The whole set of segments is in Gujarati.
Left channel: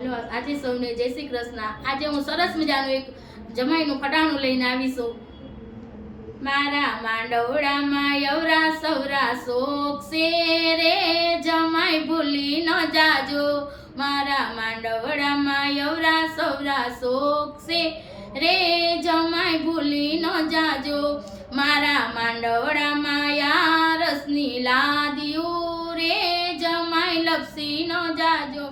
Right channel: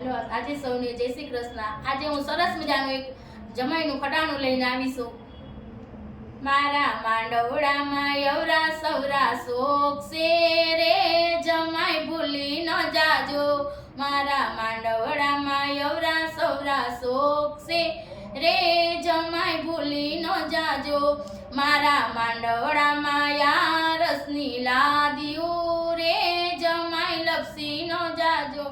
હેલો, આજે સૌને જય શ્રી કૃષ્ણ। આજે હું સરસ મજાનું એક જમાઈનું ખટાણું લઈને આવી છું। મારા માંડવડામાં યવરા સવરા શોખ છે રે, જમાઈ ભૂલી ન જાજો। મારા માંડવડામાં યવરા સવરા શોખ છે રે, જમાઈ ભૂલી ન જાજો। મારા માંડવડામાં યારસની લાદીયું રે, જમાઈ લપસી ન જાજો।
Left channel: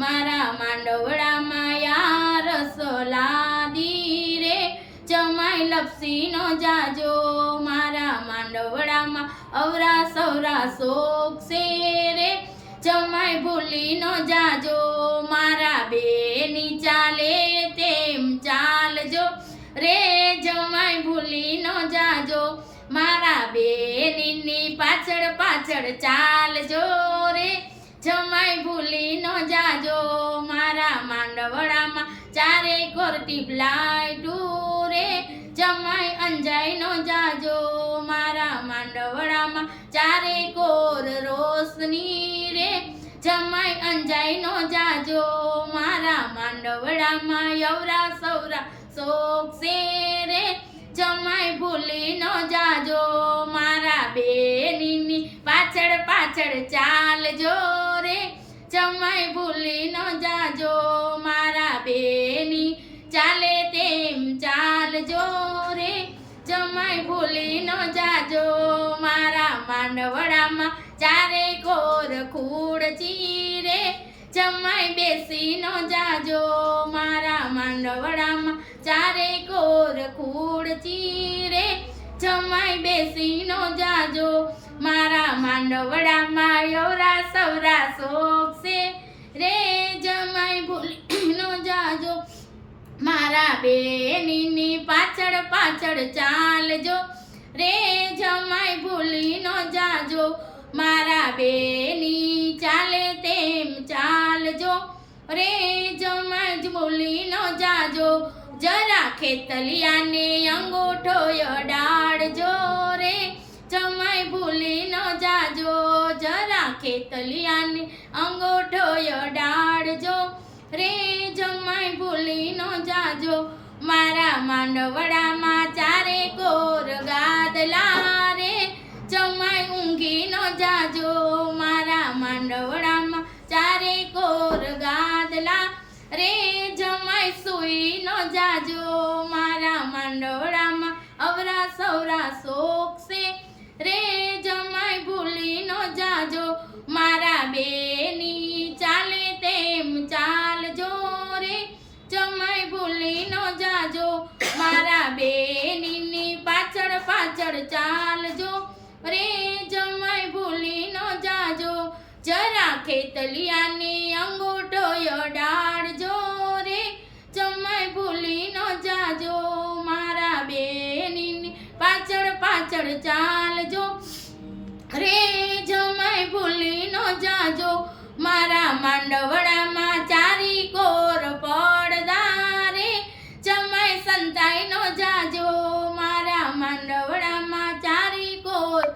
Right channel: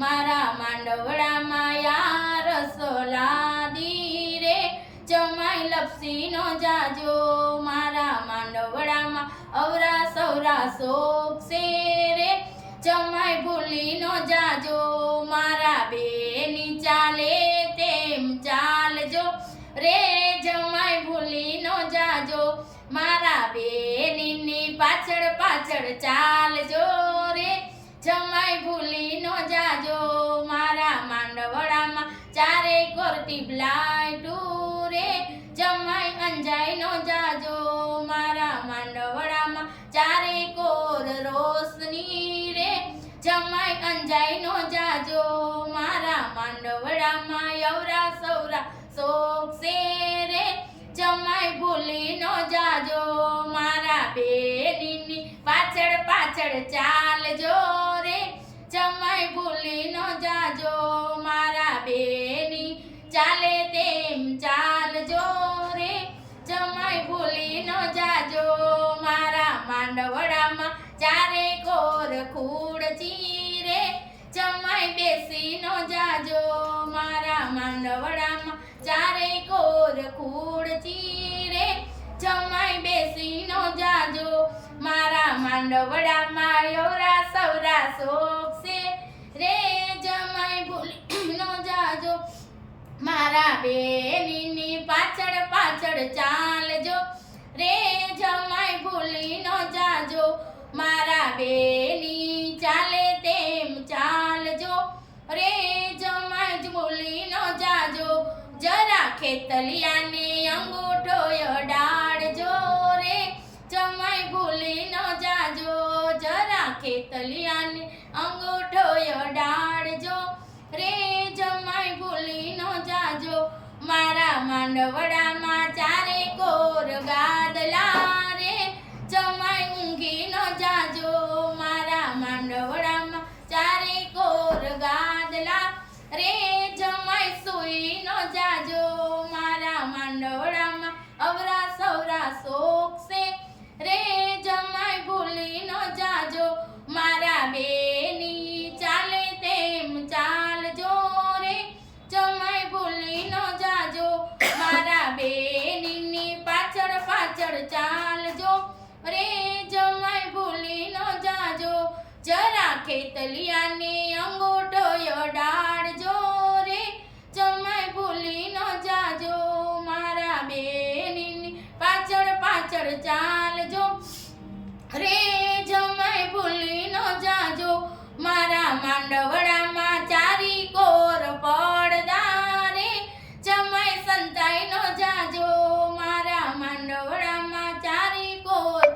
મારા માંડવડામાં યારસ લાદી રે, જમાઈ લપસી નો જાજો। મારા માંડવડામાં અવરા સવરા શોખ છે રે, જમાઈ ભૂલી નો જાજો। મારા બેની ચાલે તેમ ચાલજો રે, જમાઈ ભૂલી નો જાજો। મારા બેની પાછળ પાછળ ચાલજો રે, જમાઈ ભૂલી ન જાજો। મારા માંડવડામાં ચારે કોર ટીપલાઈટું રે, જમાઈ અંજાઈ ન જાજો। મારા માંડવડામાં ચારે કોર રોશની રે, જમાઈ અંજાઈ ન જાજો। મારા માંડવડામાં યવરા સવરા શોખ છે રે, જમાઈ ભૂલી ન જાજો। મારા બેની પાછળ પાછળ ચાલજો રે, જમાઈ ભૂલી ન જાજો। મારા બેની ચાલે તેમ ચાલજો રે, જમાઈ ભૂલી ન જાજો। મારા માંડવડામાં ચારે કોર ખુરચી રે, જમાઈ બેસી ન જાજો। મારા માંડવડામાં ચારે કોર ખુરચી રે, જમાઈ બેસી ન જાજો। મારા માંડવડામાં યવરા સવરા શોખ છે રે, જમાઈ ભૂલી ન જાજો। મારા બેની પાછળ પાછળ ચાલજો રે, જમાઈ ભૂલી ન જાજો। મારા બેની ચાલે તેમ ચાલજો રે, જમાઈ ભૂલી ન જાજો। જરા ખેતલિયાને અંગૂઠો અડાડજો રે, જમાઈ ભૂલી ન જાજો। જરા ખેતલિયાને અંગૂઠો અડાડજો રે, જમાઈ ભૂલી ન જાજો। મારા માંડવડામાં ચારે કોર ગાદલા રે, જમાઈ ઊંઘી ન જાજો। મારા માંડવડામાં ચારે કોર ગાદલા રે, જમાઈ સુઈ ન જાજો। મારા માંડવડામાં અવરા સવરા શોખ છે રે, જમાઈ ભૂલી ન જાજો। મારા બેની ચાલે તેમ ચાલજો રે, જમાઈ ભૂલી ન જાજો। મારા બેની પાછળ પાછળ ચાલજો રે, જમાઈ ભૂલી ન જાજો। જરા ખેતલિયાને અંગૂઠો અડાડજો રે, જમાઈ ભૂલી ન જાજો। મારા બેની પાછળ પાછળ ચાલજો રે, જમાઈ ભૂલી ન જાજો। મારા માંડવડામાં ચારી કોર પડદા રે, જમાઈ સંતાઈ ન જાજો। મારા માંડવડામાં ચારી કોર